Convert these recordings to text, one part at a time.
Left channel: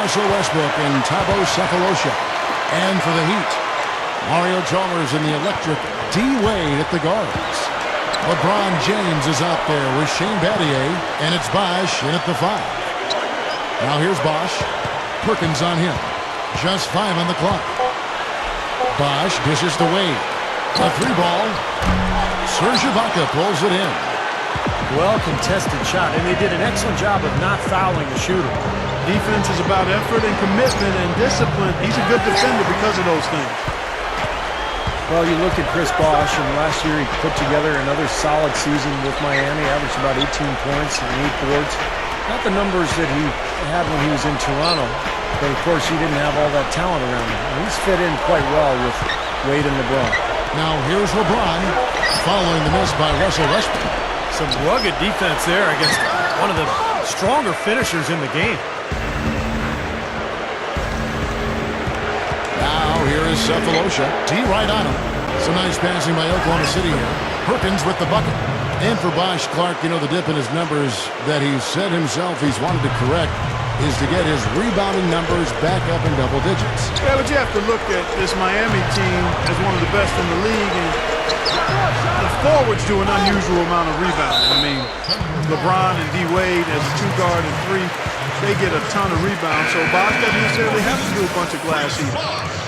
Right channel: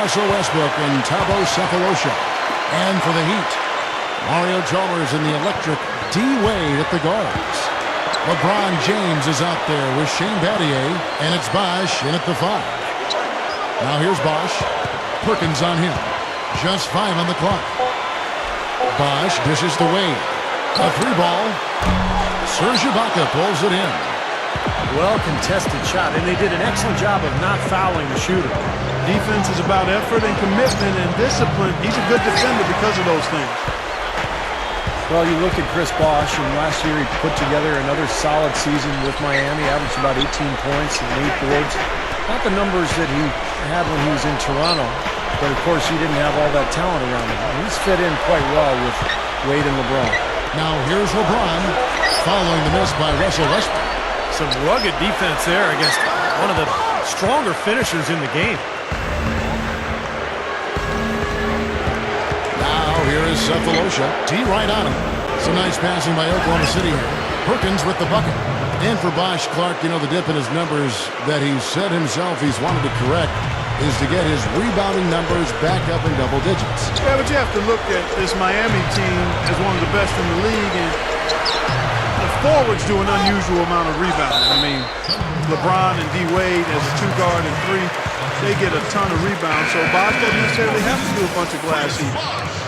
Russell Westbrook and Thabo Sefolosha. And for the Heat, Mario Chalmers and the electric D. Wade at the guards. LeBron James is out there with Shane Battier, and it's Bosh in at the 5. Now here's Bosh. Perkins on him. Just 5 on the clock. Bosh dishes to Wade. A 3-ball. Serge Ibaka pulls it in. Well-contested shot, and they did an excellent job of not fouling the shooter. Defense is about effort and commitment and discipline. He's a good defender because of those things. Well, you look at Chris Bosh, and last year he put together another solid season with Miami, averaged about 18 points and 8 boards. Not the numbers that he had when he was in Toronto, but of course he didn't have all that talent around him. And he's fit in quite well with Wade and LeBron. Now here's LeBron following the miss by Russell Westbrook. Some rugged defense there against one of the stronger finishers in the game. Now here is Sefolosha. D right on him. Some nice passing by Oklahoma City here. Perkins with the bucket. And for Bosh Clark, you know, the dip in his numbers that he said himself he's wanted to correct is to get his rebounding numbers back up in double digits. Yeah, but you have to look at this Miami team as one of the best in the league, and the forwards do an unusual amount of rebounding. I mean, LeBron and D. Wade as a 2-guard and 3, they get a ton of rebounds, so Bosh doesn't necessarily have to do a bunch of glass either.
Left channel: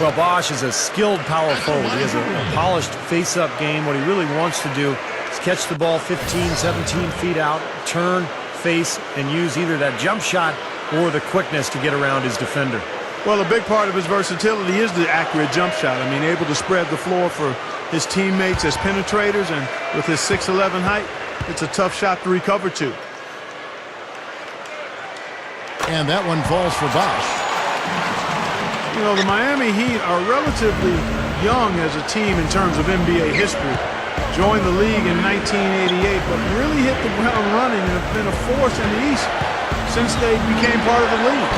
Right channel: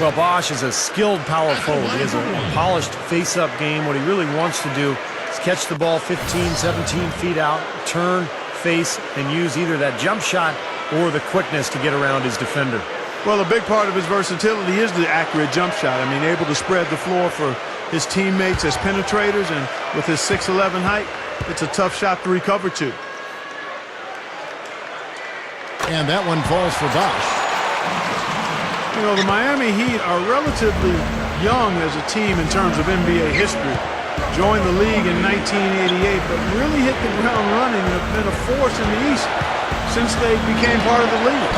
Well, Bosh is a skilled power forward. He has a polished face-up game. What he really wants to do is catch the ball 15, 17 feet out, turn, face, and use either that jump shot or the quickness to get around his defender. Well, a big part of his versatility is the accurate jump shot. I mean, able to spread the floor for his teammates as penetrators, and with his 6'11" height, it's a tough shot to recover to. And that one falls for Bosh. You know, the Miami Heat are relatively young as a team in terms of NBA history. Joined the league in 1988, but really hit the ground running and have been a force in the East since they became part of the league.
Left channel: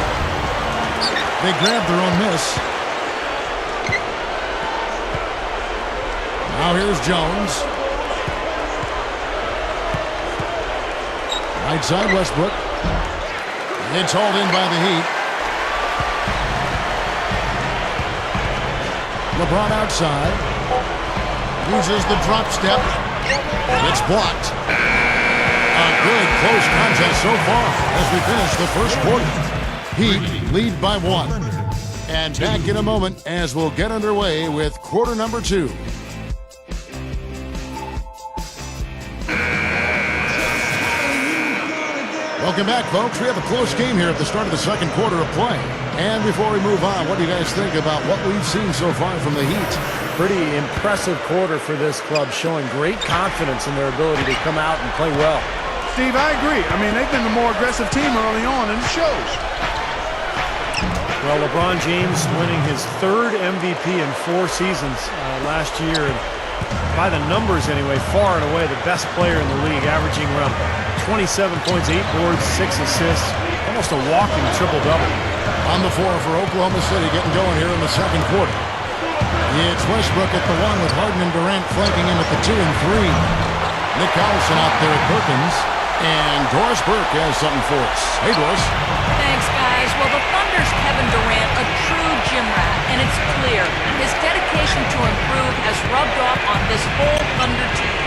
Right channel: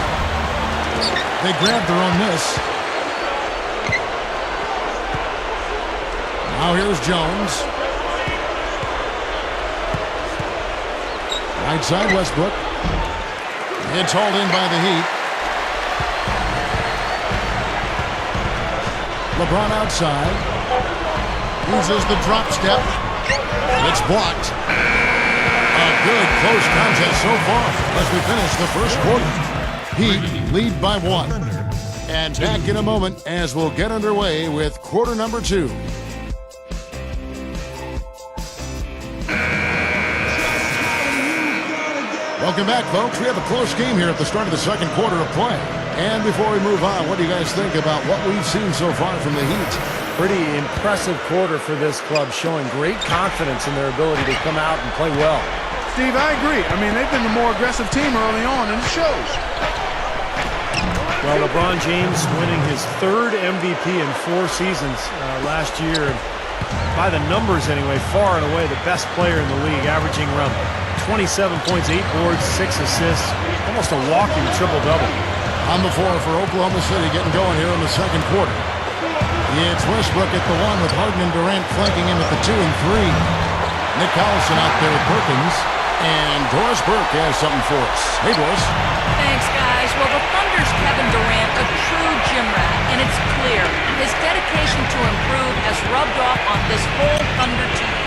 They grabbed their own miss. Now here's Jones. Right side Westbrook. It's hauled in by the Heat. LeBron outside. Uses the drop step. It's blocked. A good close contest so far as we finish the first quarter. Heat lead by 1. And back in a moment as we'll get underway with quarter number 2. Welcome back, folks. We have a close game here at the start of the second quarter of play. And before we move on, what do you guys think about what we've seen so far from the Heat? Pretty impressive quarter for this club, showing great confidence in their ability to come out and play well. Steve, I agree. I mean, they've been the more aggressive team early on, and it shows. Well, LeBron James winning his 3rd MVP in 4 seasons last year. And by the numbers anyway, far and away the best player in the league, averaging around 27 points, 8 boards, 6 assists, almost a walking triple-double. On the floor for Oklahoma City, getting going here in the second quarter. It's Westbrook at the 1 with Harden and Durant flanking him at the 2 and 3. Nick Collison out there with Perkins. And Doris Burke has something for us. Hey, Doris. Thanks, guys. Well, the Thunder's Kevin Durant, a true gym rat, and it's clear his dedication to improve has rubbed off on this whole Thunder team.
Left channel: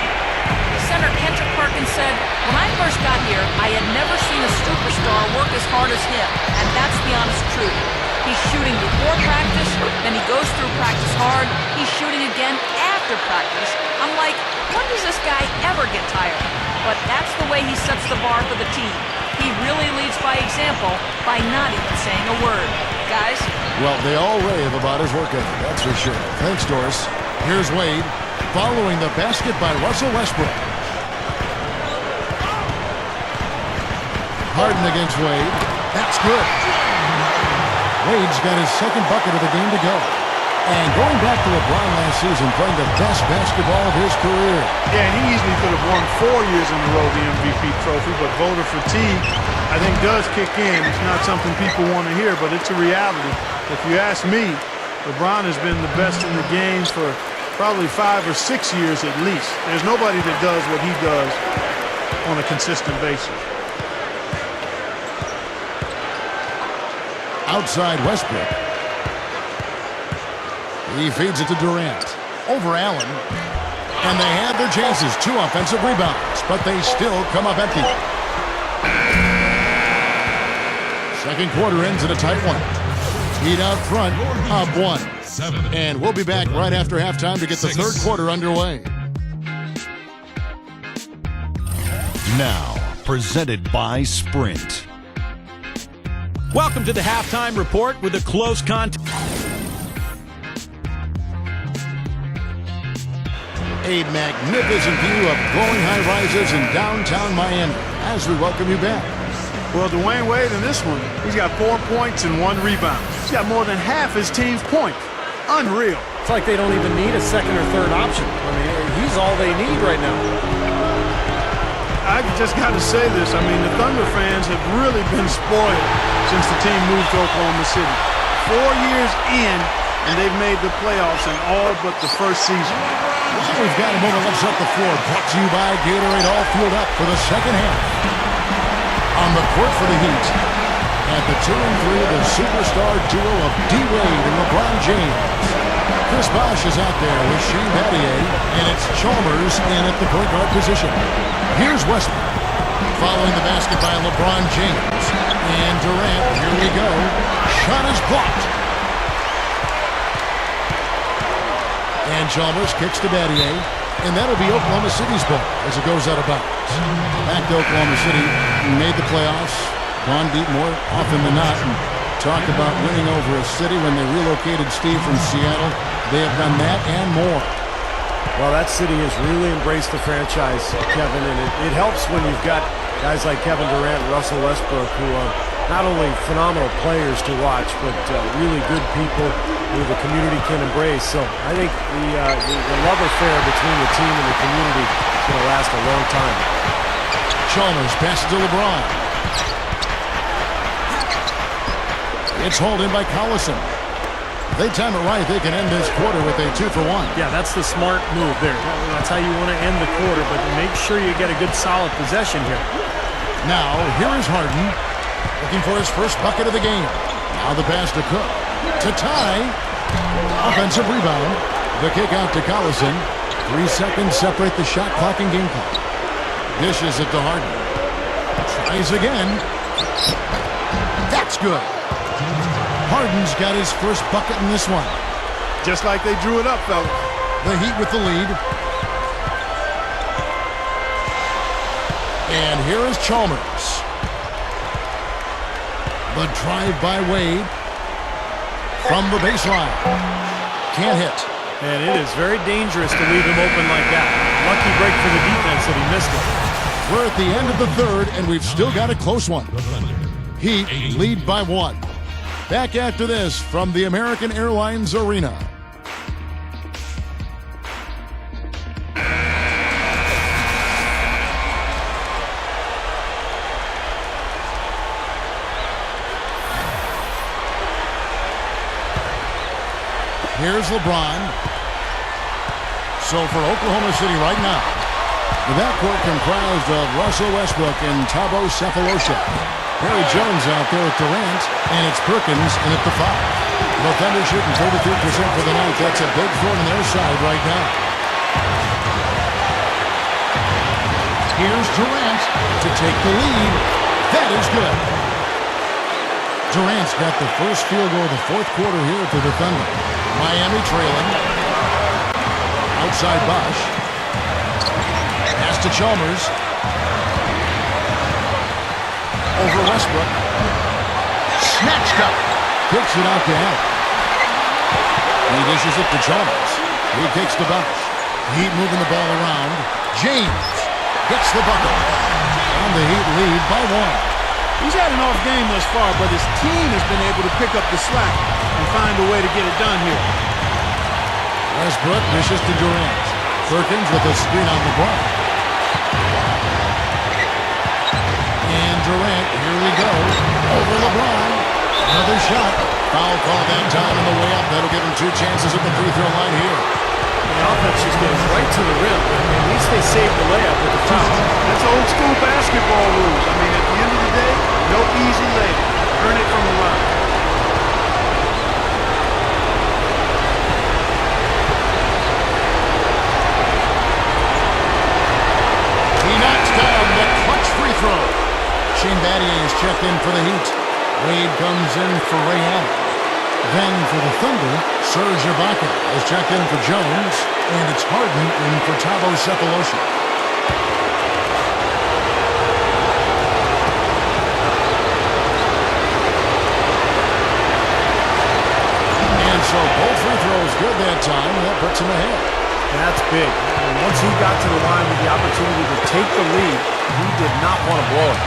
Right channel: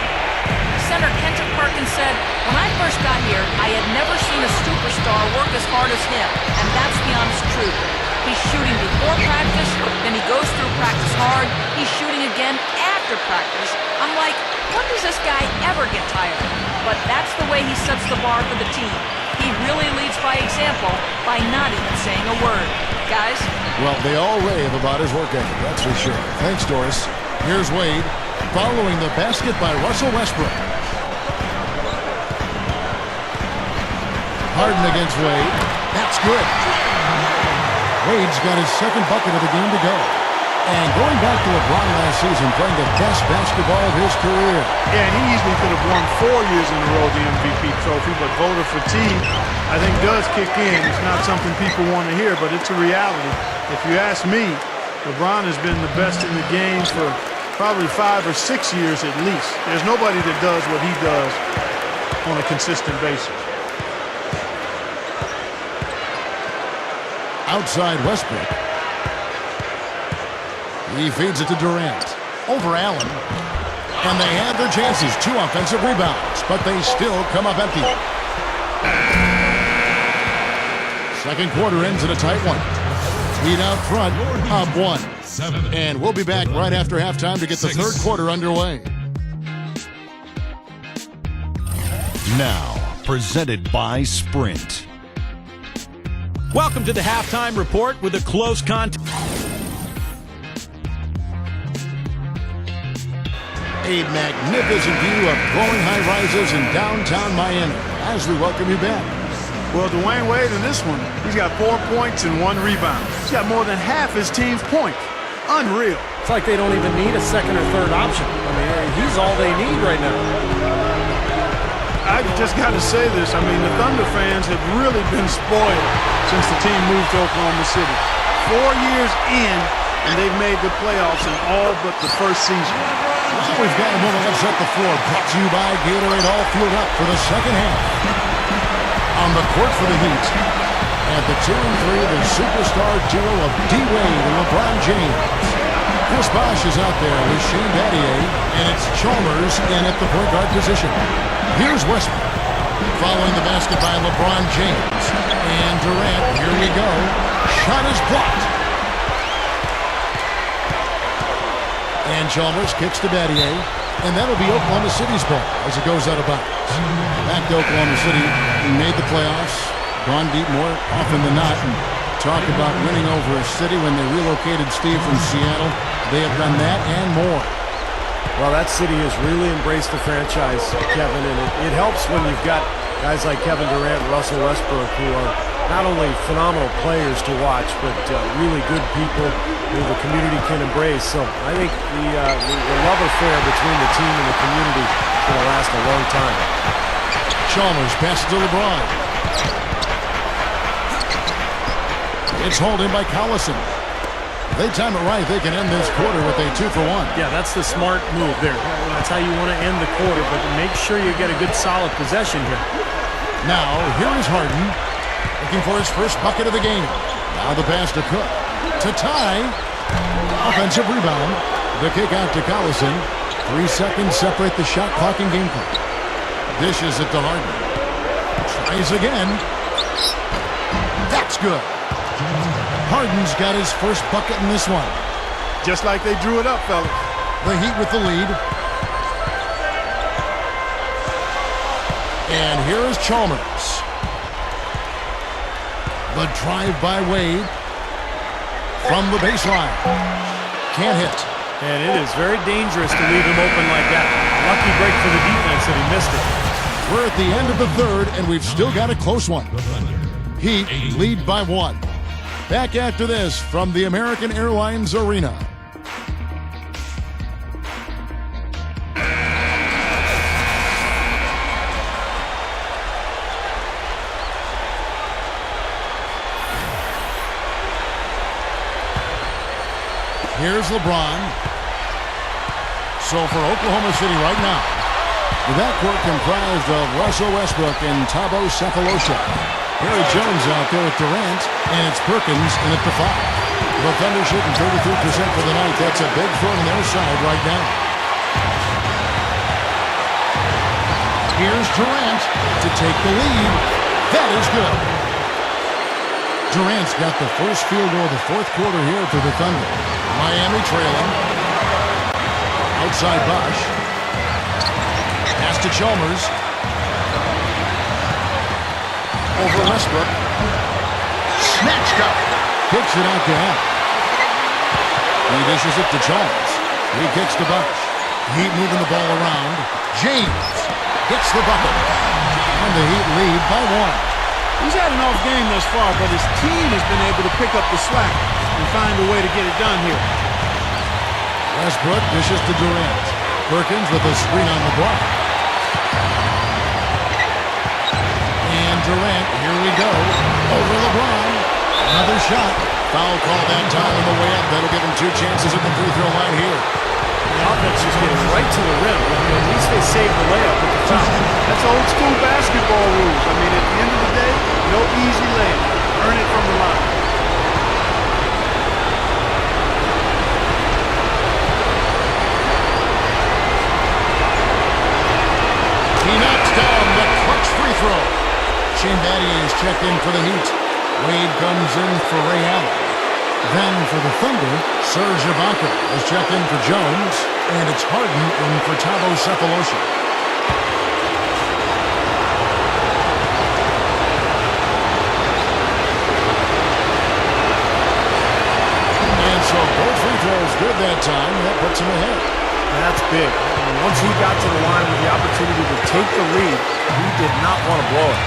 Center Kendrick Perkins said, "When I first got here, I had never seen a superstar work as hard as him, and that's the honest truth. He's shooting before practice, then he goes through practice hard, he's shooting again after practice. I'm like, when does this guy ever get tired?" But that's the way he sets the bar for the team. He really leads by example by not even saying a word. Guys? Well, they all rave about his work ethic, that's for sure. Thanks, Doris. Here's Wade following the basket by Russell Westbrook. Harden against Wade. That's good. Wade's got his 2nd bucket of the game to go. And going back to LeBron last season, playing the best basketball of his career. Yeah, and he easily could have won 4 years in a row the MVP trophy, but voter fatigue, I think, does kick in. It's not something people want to hear, but it's a reality. If you ask me, LeBron has been the best in the game for probably 5 or 6 years at least. There's nobody that does what he does on a consistent basis. Outside Westbrook. He feeds it to Durant. Over Allen. And they had their chances. 2 offensive rebounds, but they still come up empty. Second quarter ends in a tight one. Heat out front, up 1. And we'll be back right after halftime to get the third quarter underway. Now, presented by Sprint. Welcome to the halftime report with a close contest. A magnificent view of glowing high-rises in downtown Miami as we welcome you back. Well, Dwayne Wade in this one, he's got 4 points and 1 rebound. He's got more than half his team's points. Unreal. It's like they don't even need a second or third option. I mean, he's all they need right now. I just got to say this. I mean, the Thunder fans have really been spoiled since the team moved to Oklahoma City. 4 years in, and they've made the playoffs in all but the first season. Well, we've got a moment. Let's set the floor. Brought to you by Gatorade, all fueled up for the second half. On the court for the Heat. At the 2 and 3, the superstar duo of D. Wade and LeBron James. Chris Bosh is out there with Shane Battier, and it's Chalmers in at the point guard position. Here's Westbrook. Following the basket by LeBron James. And Durant, here we go. Shot is blocked. And Chalmers kicks to Battier. And that'll be Oklahoma City's ball as it goes out of bounds. Back to Oklahoma City. Made the playoffs. Gone deep more often than not. And talk about winning over a city when they relocated Steve from Seattle. They have done that and more. Well, that city has really embraced the franchise, Kevin, and it helps when you've got guys like Kevin Durant and Russell Westbrook who are not only phenomenal players to watch, but really good people who the community can embrace. So I think the love affair between the team and the community is going to last a long time. Chalmers passes to LeBron. It's hauled in by Collison. If they time it right, they can end this quarter with a 2 for 1. Yeah, that's the smart move there. That's how you want to end the quarter, but make sure you get a good solid possession here. Now, here is Harden, looking for his first bucket of the game. Now the pass to Cook. To tie. Offensive rebound. The kick out to Collison. 3 seconds separate the shot clock and game clock. Dishes it to Harden. Tries again. That's good. Harden's got his first bucket in this one. Just like they drew it up, fellas. The Heat with the lead. And here is Chalmers. The drive by Wade. From the baseline. Can't hit. And it is very dangerous to leave him open like that. Lucky break for the defense that he missed it. We're at the end of the third, and we've still got a close one. Heat lead by 1. Back after this from the American Airlines Arena. Here's LeBron. So for Oklahoma City right now, the backcourt comprised of Russell Westbrook and Thabo Sefolosha. Perry Jones out there with Durant, and it's Perkins in at the 5. The Thunder shooting 33% for the night. That's a big throw on their side right now. Here's Durant to take the lead. That is good. Durant's got the first field goal of the fourth quarter here for the Thunder. Miami trailing. Outside Bosh. Pass to Chalmers. Over Westbrook. Snatched up. Kicks it out to Allen. He dishes it to Chalmers. He kicks to Bosh. Heat moving the ball around. James gets the bucket. And the Heat lead by 1. He's had an off game thus far, but his team has been able to pick up the slack and find a way to get it done here. Westbrook dishes to Durant. Perkins with a screen on LeBron. And Durant, here we go. Over LeBron. Another shot. Foul call that time on the way up. That'll give him 2 chances at the free throw line here. The offense just getting right to the rim, but at least they saved the layup with the foul. That's old school basketball rules. I mean, at the end of the day, no easy layup. Earn it from the line. free throw. Shane Battier is checked in for the Heat. Wade comes in for Ray Allen. Then for the Thunder, Serge Ibaka is checked in for Jones, and it's Harden in for Thabo Sefolosha. And so both free throws good that time. That puts him ahead. That's big. I mean, once he got to the line with the opportunity to take the lead, he did not want to blow it.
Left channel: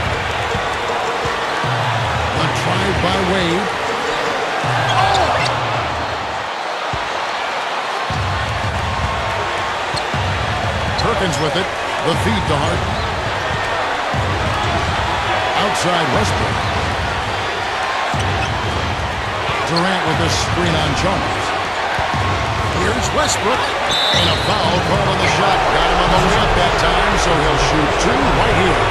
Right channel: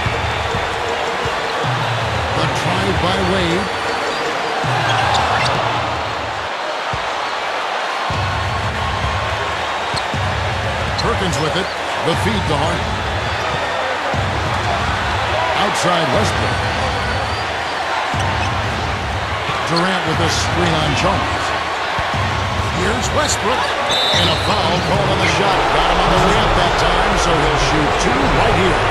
The drive by Wade. Perkins with it. The feed to Harden. Outside Westbrook. Durant with a screen on Chalmers. Here's Westbrook. And a foul call on the shot. Got him on the way up that time, so he'll shoot two right here.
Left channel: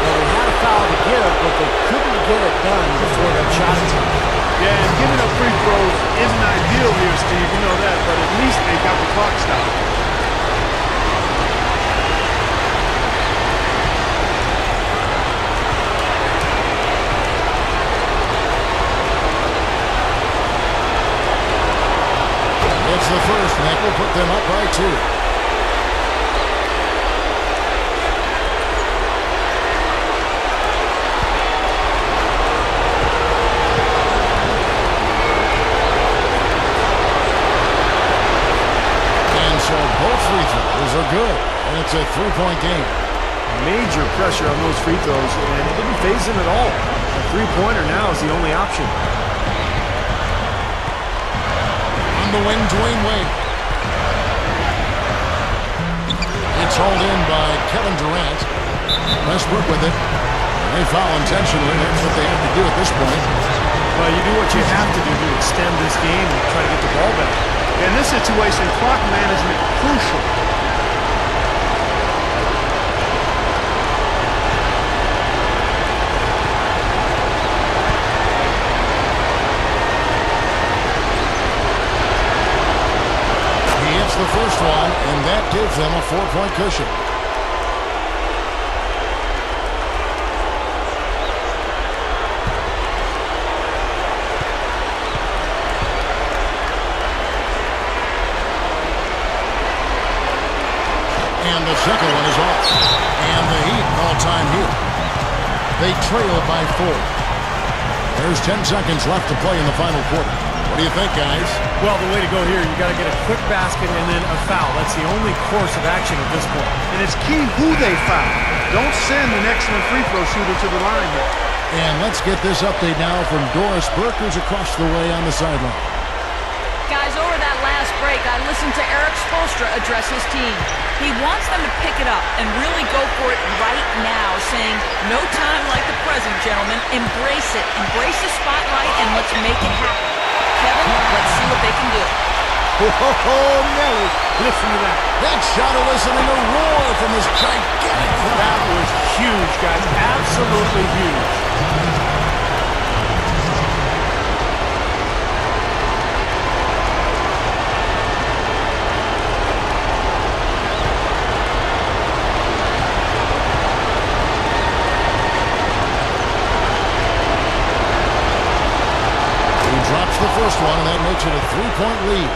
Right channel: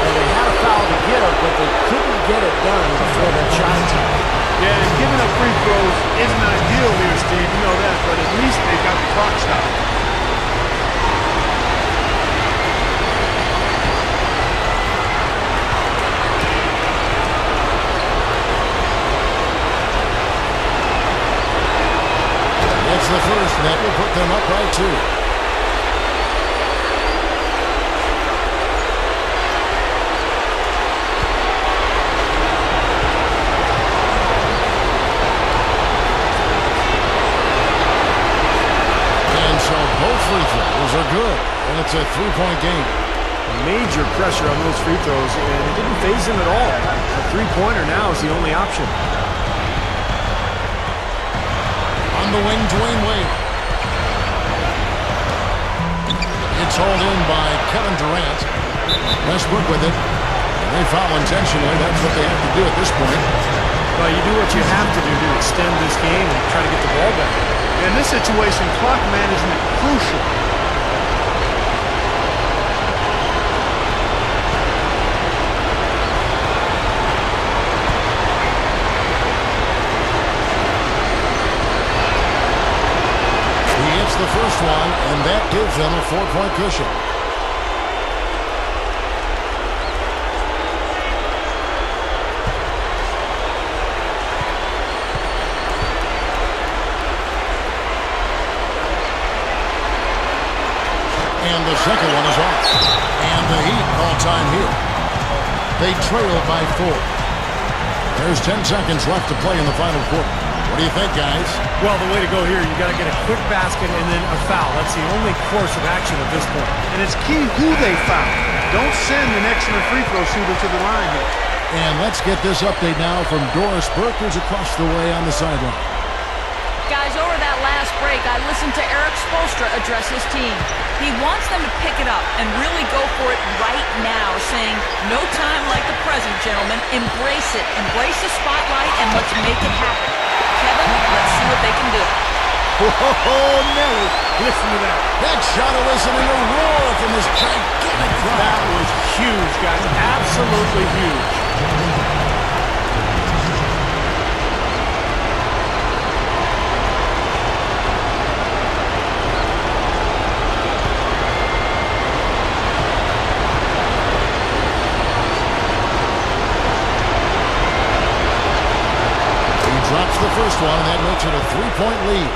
Well, they had a foul to give, but they couldn't get it done before that shot attempt. Yeah, and giving up free throws isn't ideal here, Steve. You know that, but at least they've got the clock stopped. It's the first, and that will put them up by 2. And so both free throws are good, and it's a 3-point game. Major pressure on those free throws, and it didn't faze him at all. A three-pointer now is the only option. On the wing, Dwayne Wade. It's hauled in by Kevin Durant. Westbrook with it. And they foul intentionally. That's what they have to do at this point. Well, you do what you have to do to extend this game and try to get the ball back. In this situation, clock management crucial. The first one, and that gives them a 4-point cushion. And the second one is off. And the Heat call time here. They trail by 4. There's 10 seconds left to play in the final quarter. What do you think, guys? Well, the way to go here, you got to get a quick basket and then a foul. That's the only course of action at this point. And it's key who they foul. Don't send an excellent free throw shooter to the line here. And let's get this update now from Doris Burke, who's across the way on the sideline. Guys, over that last break, I listened to Eric Spoelstra address his team. He wants them to pick it up and really go for it right now, saying, no time like the present, gentlemen. Embrace it. Embrace the spotlight, and let's make it happen. Kevin, let's see what they can do. Whoa, Nelly, listen to that. That shot eliciting a roar from this gigantic crowd. That was huge, guys. Absolutely huge. Drops the first one, and that makes it a 3-point lead.